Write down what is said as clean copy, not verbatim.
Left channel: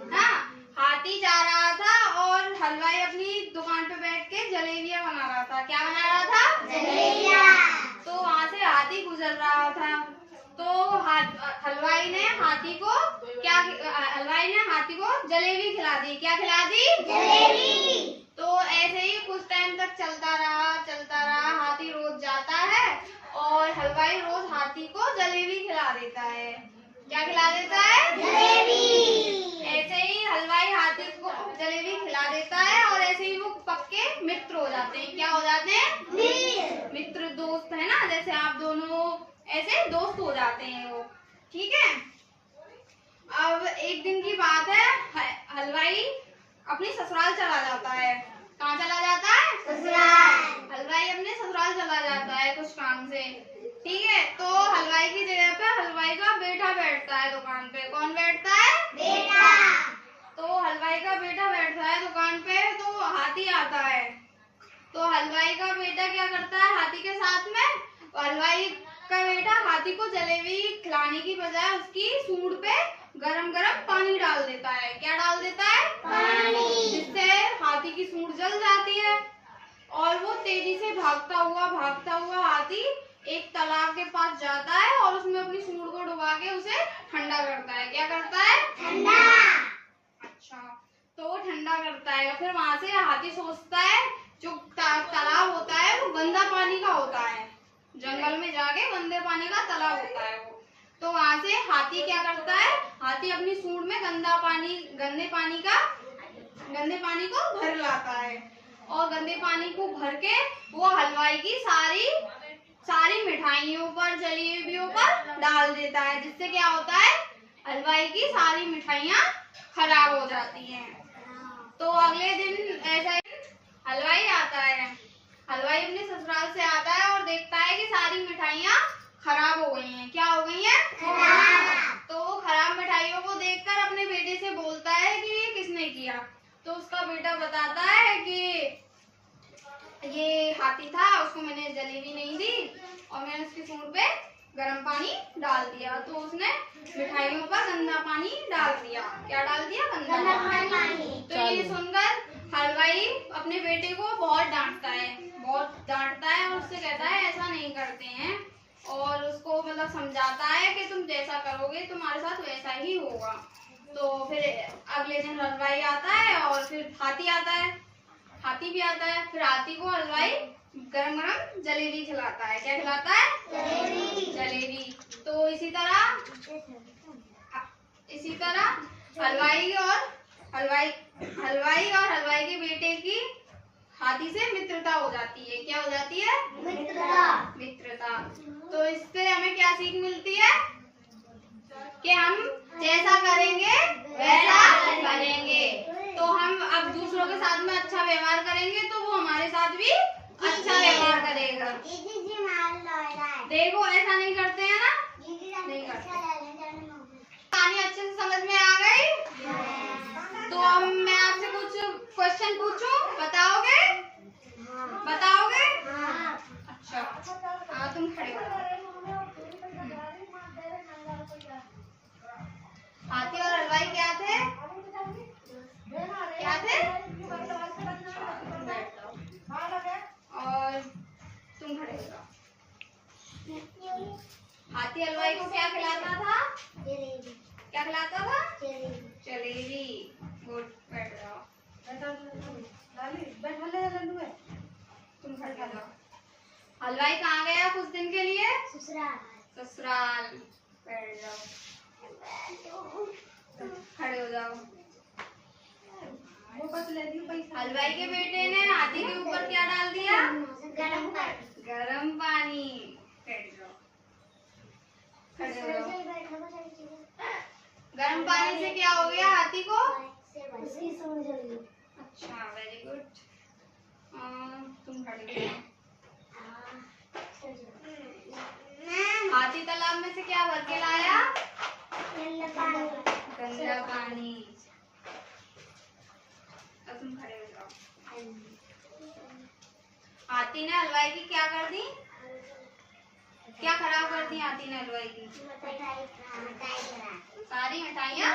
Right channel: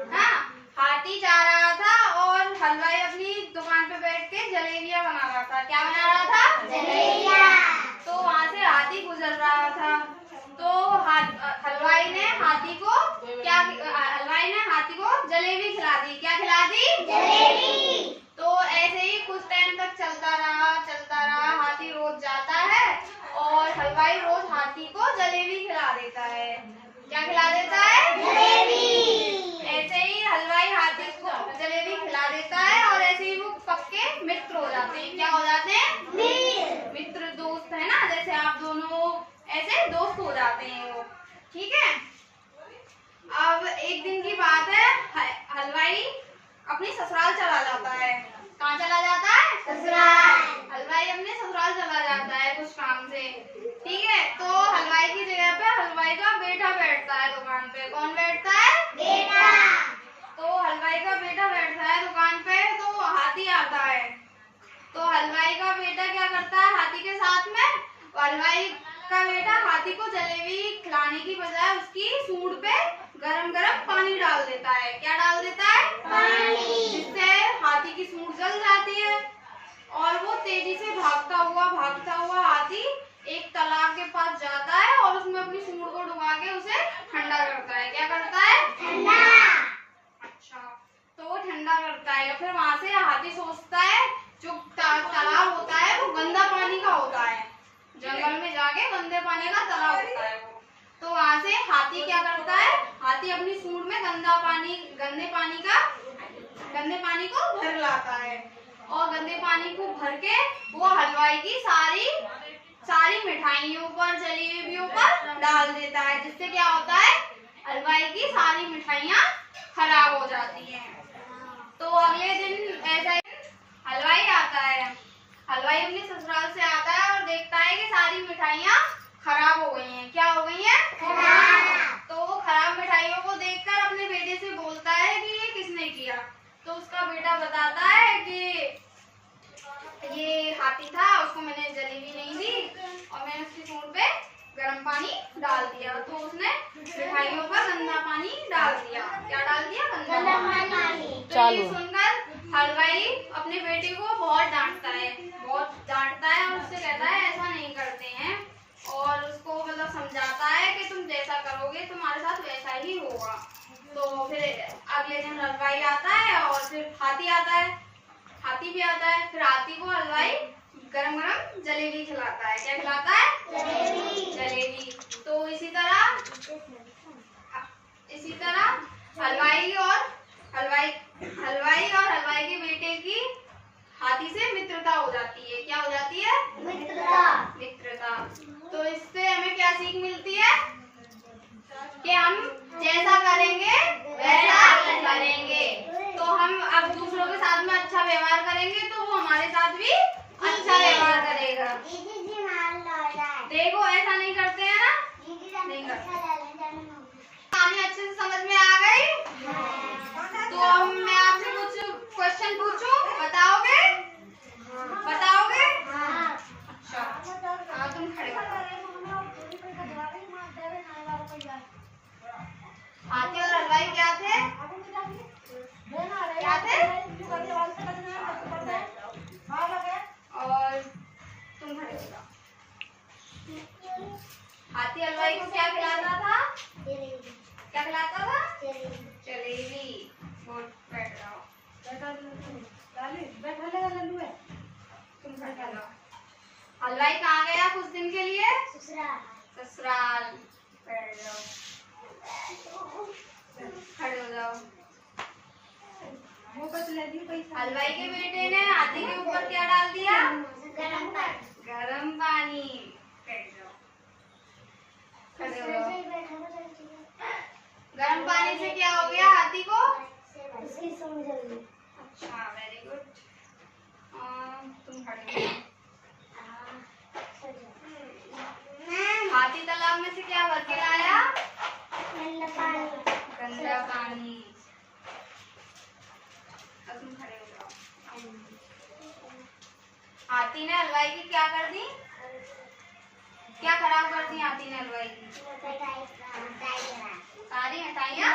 हाँ, हाथी जा रहा था और हलवाई अपनी दुकान पे बैठ के जलेबियां बना रहा था। क्या बना रहा था? जलेबियां। तो वहाँ से हाथी गुजर रहा था। तो हलवाई ने हाथी को जलेबी खिला दी। क्या खिला दी? जलेबी। तो ऐसे ही कुछ टाइम तक चलता रहा। हाथी रोज जाता है और हलवाई रोज हाथी को जलेबी खिला देता है। क्या खिला देता है? जलेबी। ऐसे ही हलवाई हाथी को जलेबी खिला देता है और ऐसे ही वो पक्के मित्र हो जाते हैं। क्या हो जाते हैं? मित्र, दोस्त है ना, जैसे आप दोनों ऐसे दोस्त हो जाते हैं वो। ठीक है। अब एक दिन की बात है, हलवाई अपनी ससुराल चला जाता है। कहाँ चला जाता है? ससुराल। हलवाई अपने ससुराल चला जाता है कुछ काम से। ठीक है। तो हलवाई की जगह पे हलवाई का बेटा बैठता है दुकान पे। कौन बैठता है? बेटा। तो हलवाई का बेटा बैठता है दुकान पे, तो हाथी आता है। तो हलवाई का बेटा क्या करता है हाथी के साथ में? हलवाई का बेटा हाथी को जलेबी खिलाने की बजाय उसकी सूंड पे गरम गरम पानी डाल देता है। क्या डाल देता है? पानी। जिससे हाथी की सूंड जल जाती है और वो तेजी से भागता हुआ हाथी एक तालाब के पास जाता है और उसमें अपनी सूंड को डुबा के उसे ठंडा करता है। क्या करता है? ठंडा। अच्छा, तो वो ठंडा करता है। फिर वहां से हाथी सोचता है जो तालाब होता है वो गंदा पानी का होता है, जंगल में जाके गंदे पानी का तालाब होता है वो। तो वहां से हाथी क्या करता है? हाथी अपनी सूंड में गंदे पानी को भर लाता है और गंदे पानी को भर के वो हलवाई की सारी मिठाइयों पर, जलेबियों पर डाल देता है, जिससे क्या होता है? हलवाई की सारी मिठाइयाँ खराब हो जाती हैं। तो अगले दिन ऐसा हलवाई आता है। हलवाई अपने ससुराल से आता है और देखता है कि सारी मिठाइयाँ खराब हो गई हैं। क्या हो गई हैं? खराब। तो वो खराब मिठाइयों को देखकर अपने बेटे से बोलता है कि ये किसने किया? तो उसका बेटा बताता है कि ये हाथी था, उसको मैंने जलेबी नहीं दी और मैंने उसकी सूंड पे गर्म पानी डाल दिया, तो उसने मिठाइयों पर गंदा पानी डाल दिया। क्या डाल दिया? गंदा पानी। तो ये सुनकर हलवाई अपने बेटे को बहुत डांटता है और उससे कहता है ऐसा नहीं करते हैं, और उसको मतलब समझाता है कि तुम जैसा करोगे तुम्हारे साथ वैसा ही होगा। तो फिर अगले दिन हलवाई आता है और फिर हाथी भी आता है। फिर हाथी को हलवाई गरम गरम जलेबी खिलाता है। क्या खिलाता है? जलेबी। तो इसी तरह हलवाई और हलवाई के बेटे की हाथी से मित्रता हो जाती है। क्या हो जाती है? मित्रता। तो इससे हमें क्या सीख मिलती है? कि हम जैसा करेंगे वैसा बनेंगे। तो हम अब दूसरों के साथ में अच्छा व्यवहार करेंगे तो वो हमारे साथ भी अच्छा व्यवहार करेगा। देखो ऐसा नहीं करते हैं ना? नहीं करते। कहानी अच्छे से समझ में आ गई? तो अब मैं आपसे कुछ क्वेश्चन पूछूं, बताओगे? अच्छा, तुम खड़े हो। हाथी और हलवाई क्या थे? और तुम खड़े हो जाओ। हाथी हलवाई को क्या खिलाता था? क्या खिलाता था? जलेबी। गुड, बैठ जाओ। तुम खड़े हो जाओ। हलवाई कहाँ गया कुछ दिन के लिए? ससुराल। बैठ जाओ, खड़े हो जाओ। हलवाई के बेटे ने हाथी के ऊपर क्या डाल दिया? गरम पानी। बैठ जाओ, खड़े हो जाओ। गरम पानी से क्या हो गया हाथी को? अच्छा, वेरी गुड। तुम खड़े हो जाओ। हाथी तालाब में से क्या भर के लाया? गंदा पानी। तुम खड़े हो जाओ। हाथी ने हलवाई की क्या कर दी? क्या खराब कर दी हाथी ने हलवाई की? सारी मिठाइयाँ